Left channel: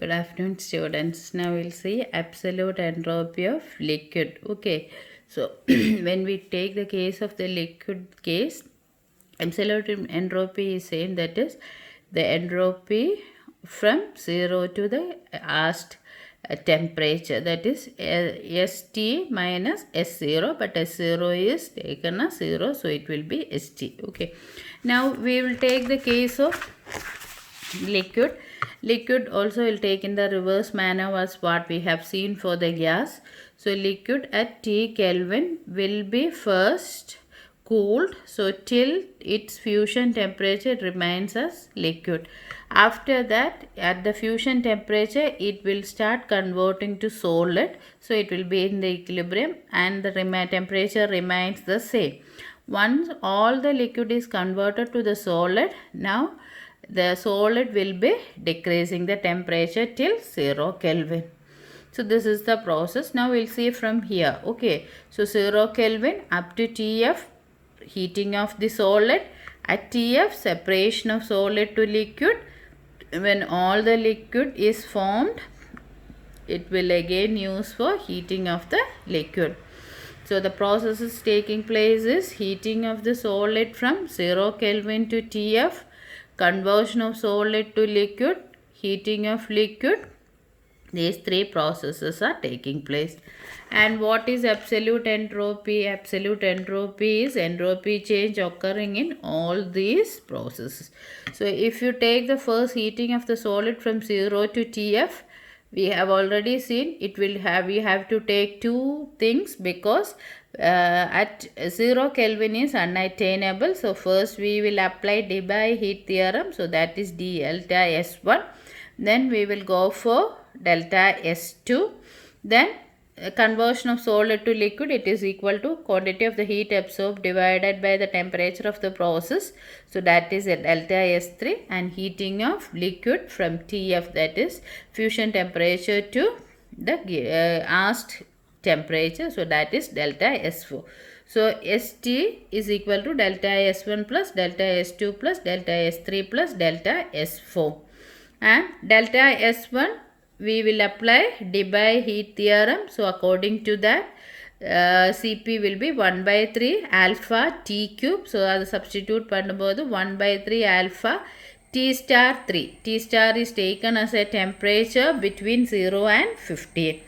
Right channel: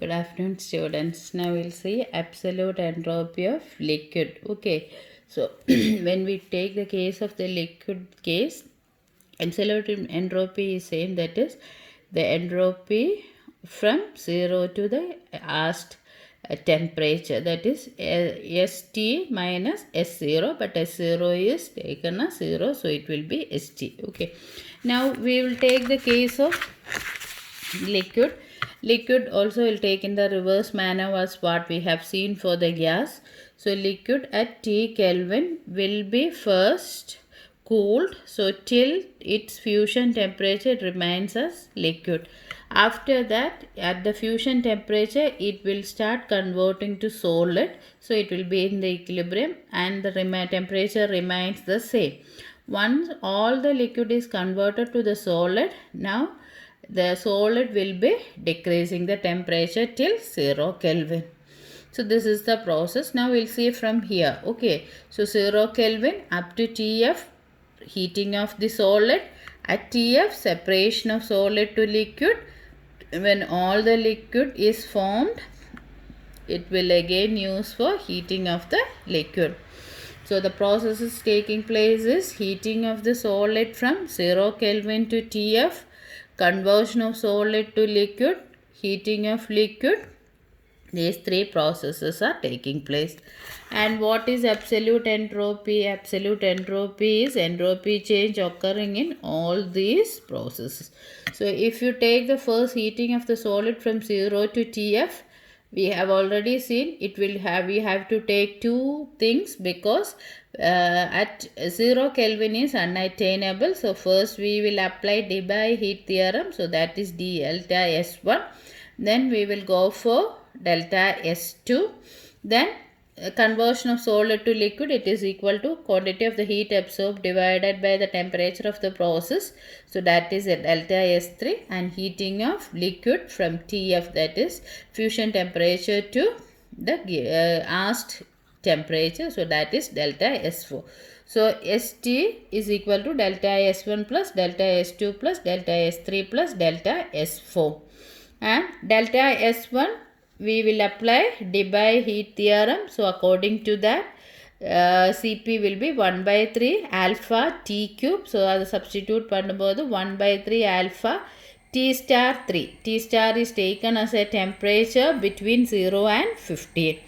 Good afternoon, students. Now we'll see absolute entropy of liquid. Okay, so when we take the case of the liquid case, absolute entropy is saying that is the entropy from 0 to the asked temperature, that is St minus S0, but S0 is taken as 0, so it will be St. Okay, now we will take the case of liquid also will take in the reverse manner as what we have seen for the gas. So liquid at T Kelvin will be first cooled, so till its fusion temperature it remains as liquid. After that, at the fusion temperature it will start converting to solid, so it will be in the equilibrium and the temperature remains the same. Once all the liquid is converted to the solid, now the solid will be decreasing the temperature till 0 Kelvin. So this is the process. Now we'll see from here. Okay, so 0 Kelvin up to TF, heating of the solid. At TF, separation of solid to liquid. When all the liquid is formed, it will again use for heating of the liquid. So the process is taking place is heating of the solid from 0 Kelvin to TF, conversion of solid to liquid, heating of liquid. These three processes are taking place. And what is absolute entropy? Absolute entropy is entropy change occurring in all these processes. So if you take the first heating of the solid from 0 to TF, we have already seen it will have, we have to take two things because at 0 Kelvin is unattainable. So first we will apply Debye heat theorem, so that is d delta S1. Then we will go for delta S2. Then conversion of solid to liquid, it is equal to quantity of the heat absorbed divided by the temperature of the process, so that is a delta S3. And heating of liquid from TF, that is fusion temperature to the asked temperature, so that is delta S4. So St is equal to delta S1 plus delta S2 plus delta S3 plus delta S4. And delta S1 we will apply Debye heat theorem. So according to that, Cp will be 1 by 3 alpha T cube. So அது substitute பண்ணும்போது 1 by 3 alpha T star 3. T star is taken as a temperature between 0 and 15.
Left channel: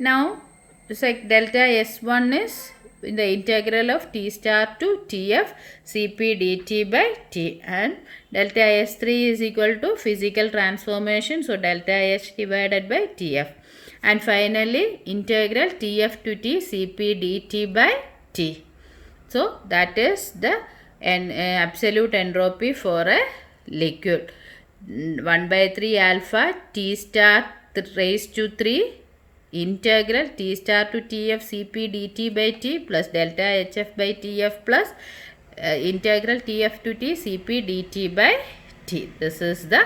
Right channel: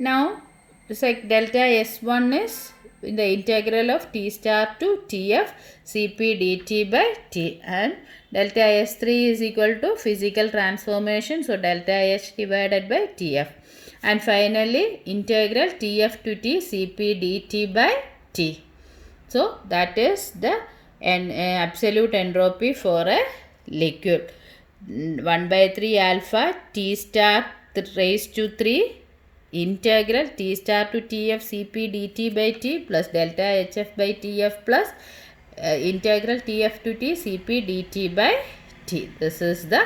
Now, it's like delta S1 is in the integral of T star to Tf Cp dt by T, and delta S3 is equal to physical transformation, so delta H divided by Tf, and finally integral Tf to T Cp dt by T. So that is the absolute entropy for a liquid. 1 by 3 alpha T star raised to 3 integral T star to Tf Cp dt by T plus delta Hf by Tf plus integral Tf to T Cp dt by T. This is the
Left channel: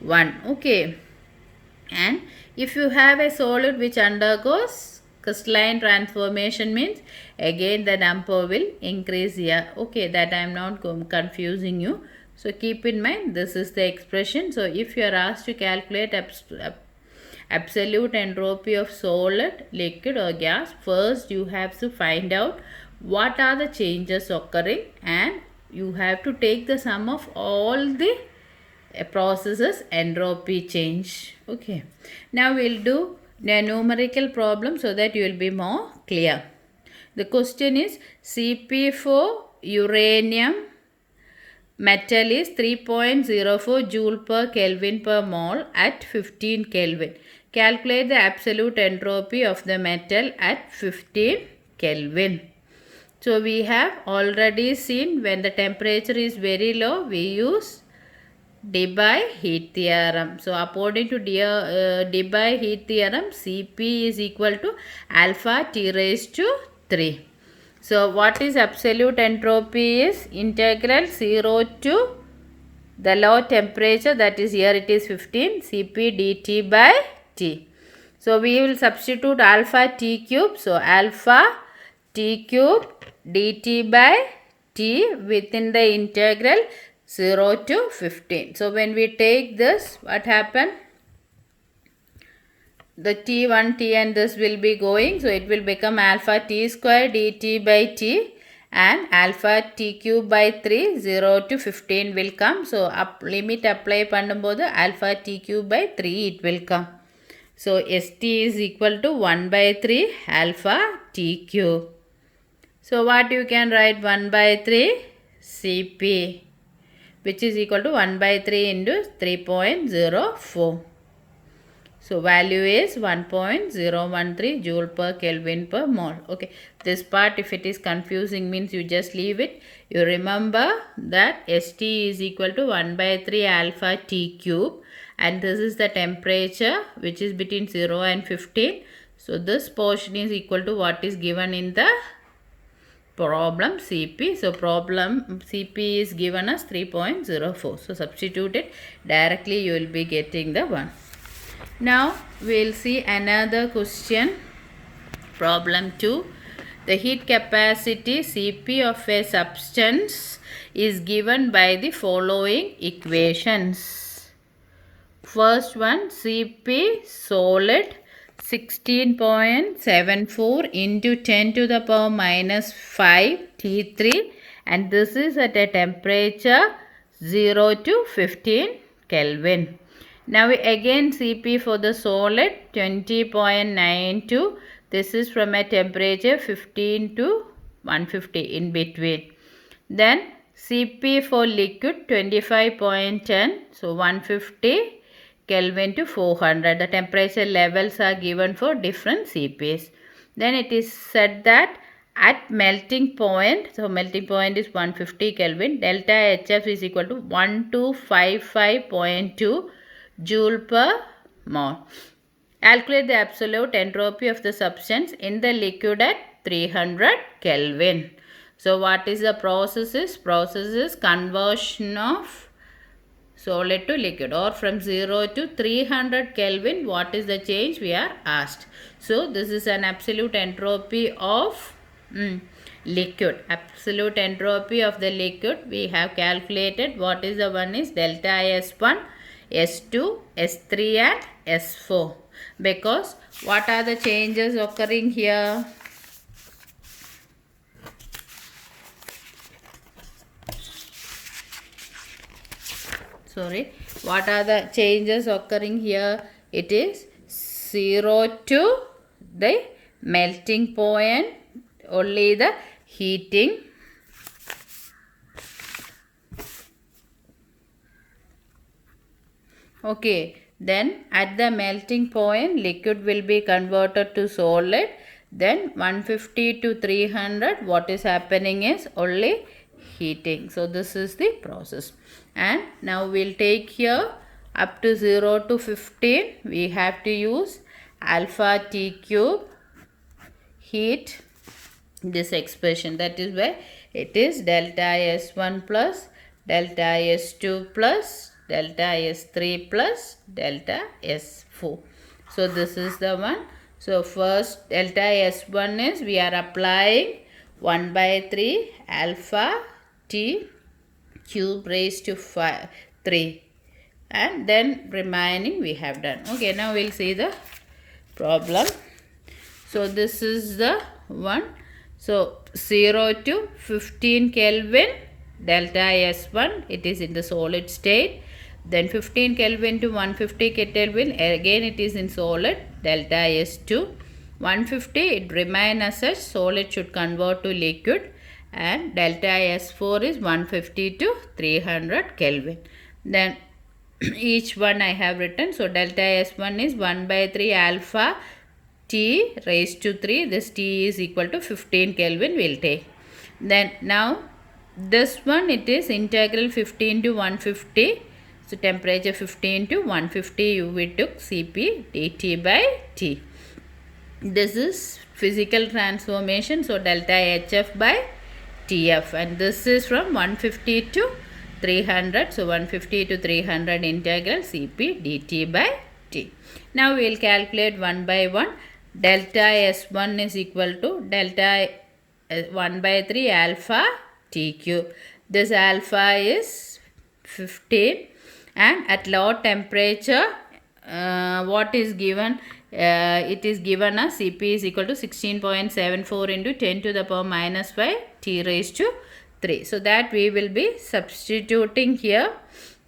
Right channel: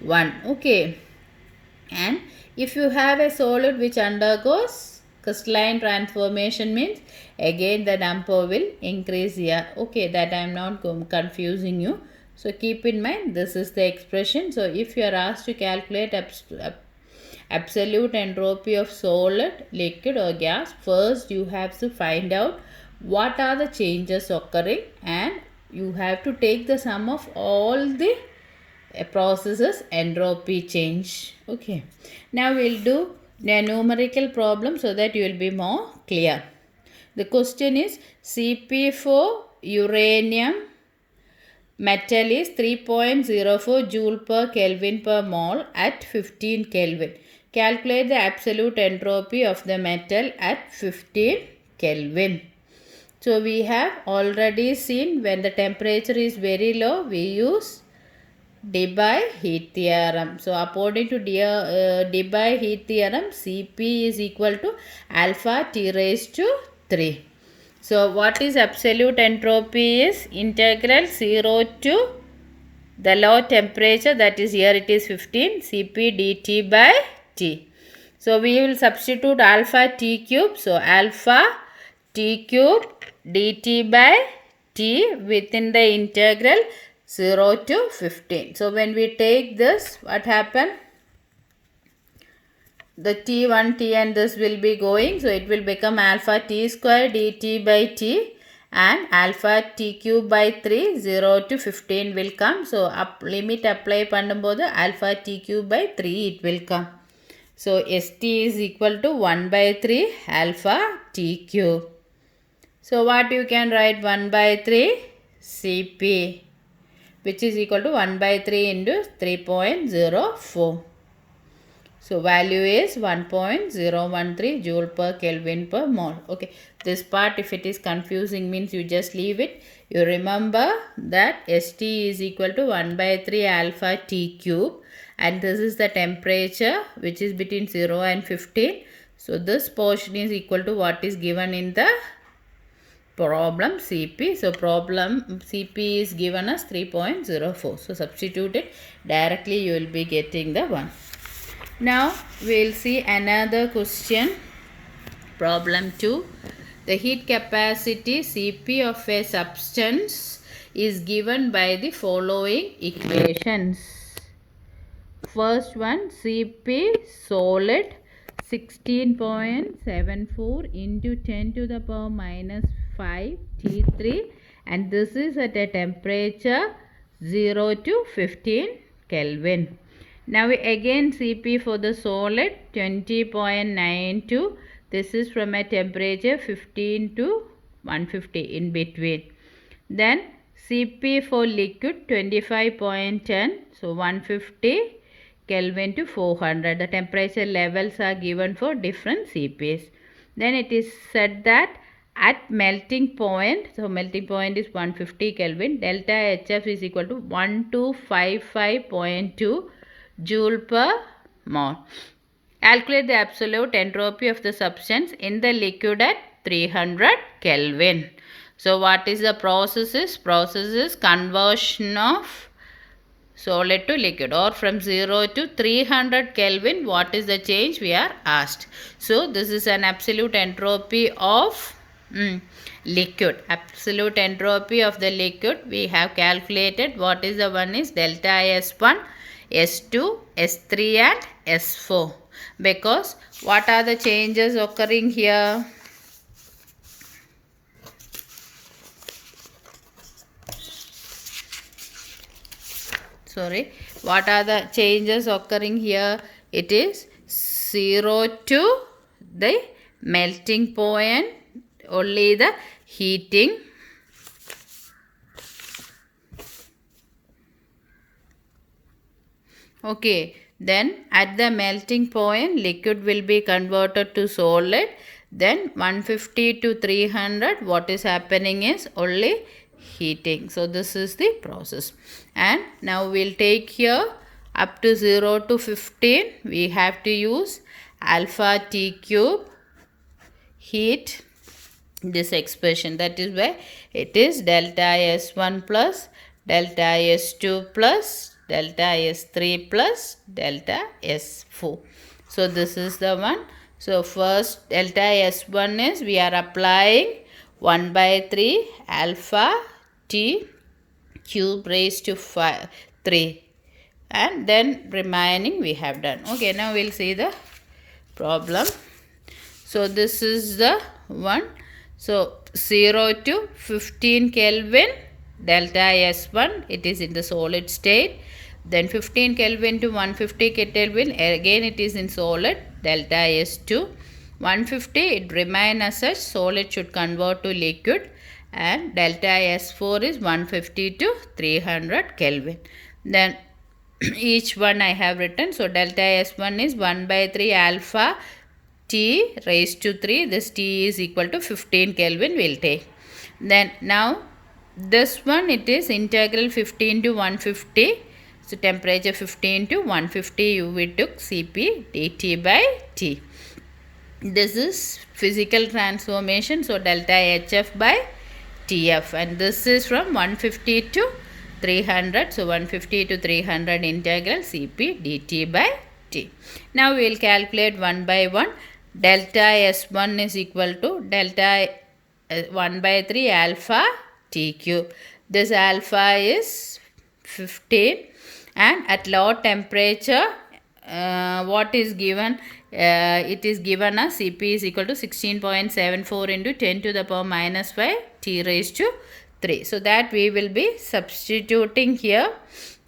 one. Okay. And if you have a solid which undergoes crystalline transformation, means again the number will increase here. Okay, that I am not confusing you. So keep in mind, this is the expression. So if you are asked to calculate absolute entropy of solid, liquid or gas, first you have to find out what are the changes occurring, and you have to take the sum of all the processes entropy change. Okay, now we'll do a numerical problem so that you will be more clear. The question is Cp for uranium metal is 3.04 joule per Kelvin per mole at 15 Kelvin. Calculate the absolute entropy of the metal at 15 Kelvin. So we have already seen when the temperature is very low, we use Debye heat theorem. So according to Debye heat theorem, Cp is equal to alpha T raised to 3. So what is absolute entropy is integral 0 to the low temperature, that is here it is 15 Cp dt by T. So we will substitute alpha T cube. So alpha T cube dt by T within the integral 0 to 15. So when we take this, what happened? the t1 t and this will be going, so it will become alpha t square dt by t, and alpha t cube by 3, 0 to 15 will come. So limit apply பண்ணும்போது alpha t cube by 3 it will come. So st is equal to 1 by 3 alpha t cube. So what you can write, 1 by 3 Cp, which is equal to 1 by 3 into 3.04. So value is 1.013 joule per Kelvin per mole. Okay, this part if it is confusing means you just leave it. You remember that St is equal to 1 by 3 alpha T cube, and this is the temperature which is between 0 and 15. So this portion is equal to what is given in the problem Cp. So problem Cp is given as 3.04. So substitute it directly, you will be getting the one. Now we will see another question, problem 2. The heat capacity Cp of a substance is given by the following equations. First one, Cp solid 16.74 into 10 to the power minus 5 T3, and this is at a temperature 0 to 15 Kelvin. Now again Cp for the solid 20.92. This is from a temperature 15 to 150 in between. Then Cp for liquid 25.10. So 150 Kelvin to 400. The temperature levels are given for different Cps. Then it is said that at melting point, so melting point is 150 Kelvin, delta HF is equal to 1255.2 joule per mole. Calculate the absolute entropy of the substance in the liquid at 300 Kelvin. So what is the process is? Process is conversion of solid to liquid, or from 0 to 300 Kelvin. What is the change we are asked? So this is an absolute entropy of liquid. Absolute entropy of the liquid we have calculated. What is the one is delta S1, S2, S3 and S4. Because what are the changes occurring here? What are the changes occurring here? It is 0 to the melting point, only the heating. Okay, then at the melting point liquid will be converted to solid. Then 150 to 300, what is happening is only heating. So this is the process. And now we'll take here up to 0 to 15. We have to use alpha T cube heat this expression. That is why it is delta S1 plus delta S2 plus delta S3 plus delta S4. So this is the one. So first delta S1 is we are applying 1 by 3 alpha T cube raised to 3, and then remaining we have done. Okay, now we'll see the problem. So this is the one. So 0 to 15 Kelvin delta S1, it is in the solid state. Then 15 Kelvin to 150 Kelvin, again it is in solid, delta S2. 150 it remain as such, solid should convert to liquid, and delta S4 is 150 to 300 Kelvin. Then each one I have written. So delta S1 is 1 by 3 alpha T raised to 3. This T is equal to 15 Kelvin we'll take. Then now this one, it is integral 15 to 150. So temperature 15 to 150 we took Cp dt by T. This is physical transformation. So delta HF by TF, and this is from 150 to 300. So 150 to 300 integral Cp dt by T. Now we will calculate one by one. Delta S1 is equal to delta 1 by 3 alpha T cube. This alpha is 15, and at low temperature what is given? it is given as Cp is equal to 16.74 into 10 to the power minus 5 t raised to 3. So that we will be substituting here.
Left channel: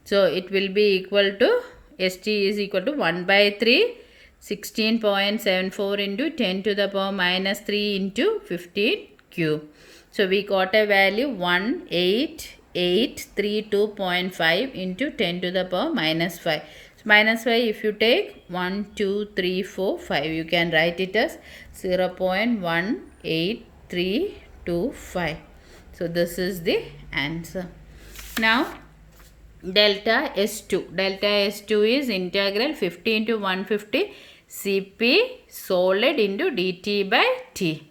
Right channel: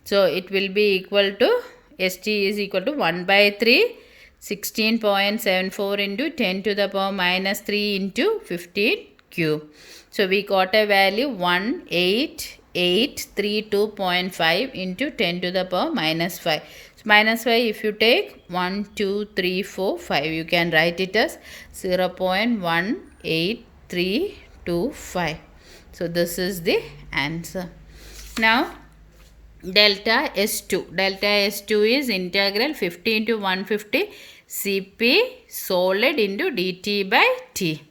So it will be equal to St is equal to 1 by 3 16.74 into 10 to the power minus 3 into 15 cube. So we got a value 18832.5 into 10 to the power minus 5. So minus 5, if you take 1, 2, 3, 4, 5, you can write it as 0.18325. So this is the answer. Now delta S2. Delta S2 is integral 50 into 150 Cp solid into dt by t.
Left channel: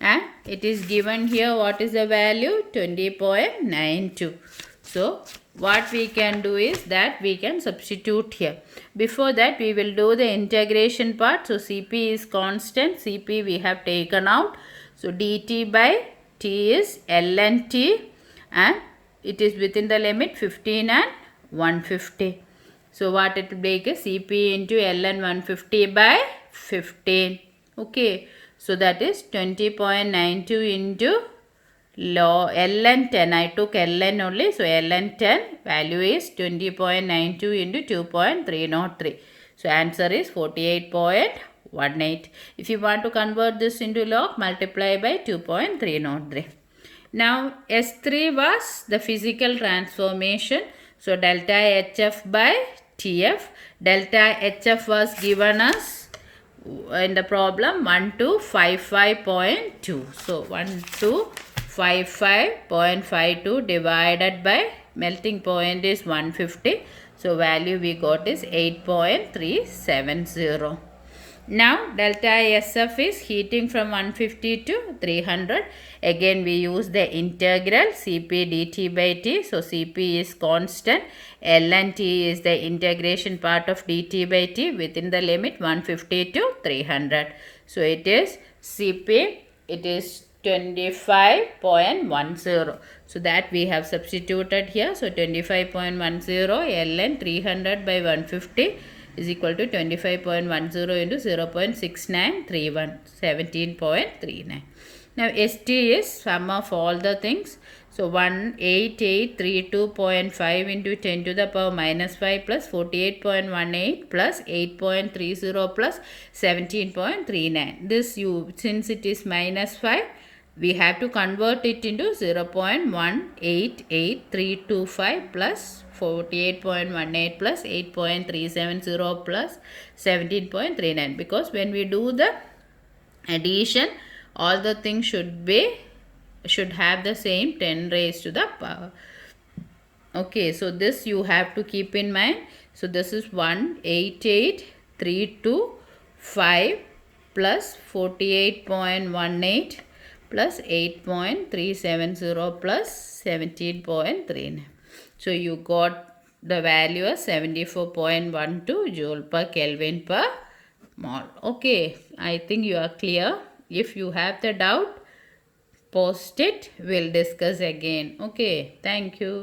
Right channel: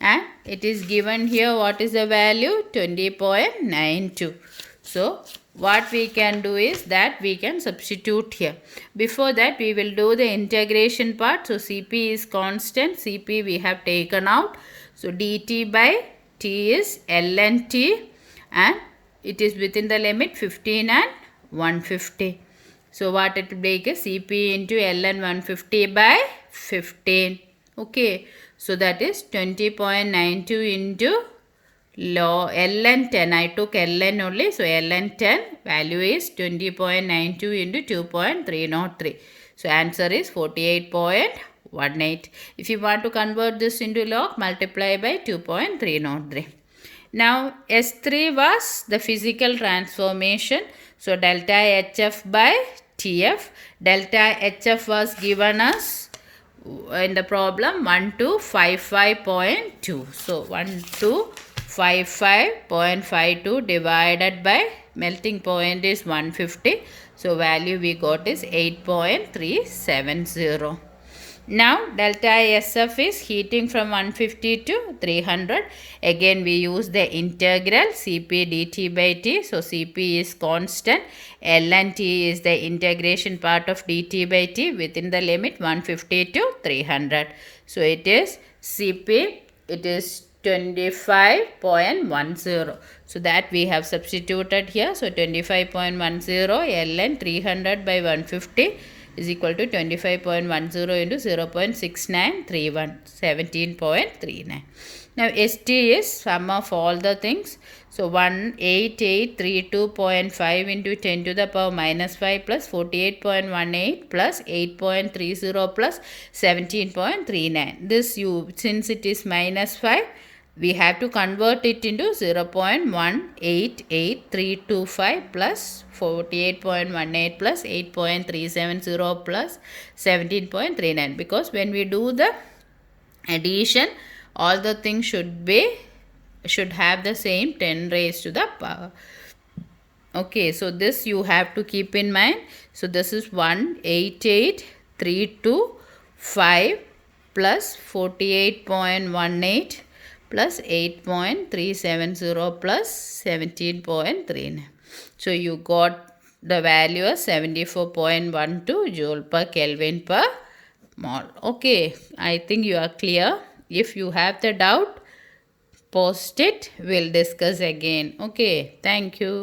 And it is given here, what is the value? 20.92. So what we can do is that we can substitute here. Before that, we will do the integration part. So Cp is constant. Cp we have taken out. So dt by t is ln t, and it is within the limit 15 and 150. So what it will make is Cp into ln 150 by 15. Okay. So that is 20.92 into ln 10. I took ln only. So ln 10 value is 20.92 into 2.303. So answer is 48.18. If you want to convert this into log, multiply by 2.303. Now S3 was the physical transformation. So delta HF by TF. Delta HF was given us in the problem 1255.2. So 1255.52 divided by melting point is 150. So value we got is 8.370. Now delta SF is heating from 150 to 300. Again we use the integral Cp dt by t. So Cp is constant. Ln t is the integration part of dt by t within the limit 150 to 300. So it is Cp, it is 25.10. So that we have substituted here. So 25.10 ln 300 by 150 is equal to 25.10 into 0.6931, 17.39. Now St is sum of all the things. So 18832.5 into 10 to the power minus 5 plus 48.18 plus 8.30 plus 17.39. This since it is minus 5, we have to convert it into 0.188325 plus 48.18 plus 8.370 plus 17.39. Because when we do the addition, all the things should have the same 10 raised to the power. Okay, so this you have to keep in mind. So this is 18832.5 plus 48.18 plus 8.370 plus 17.39. So you got the value as 74.12 joule per Kelvin per mole. Okay, I think you are clear. If you have the doubt, post it. We'll discuss again. Okay, thank you.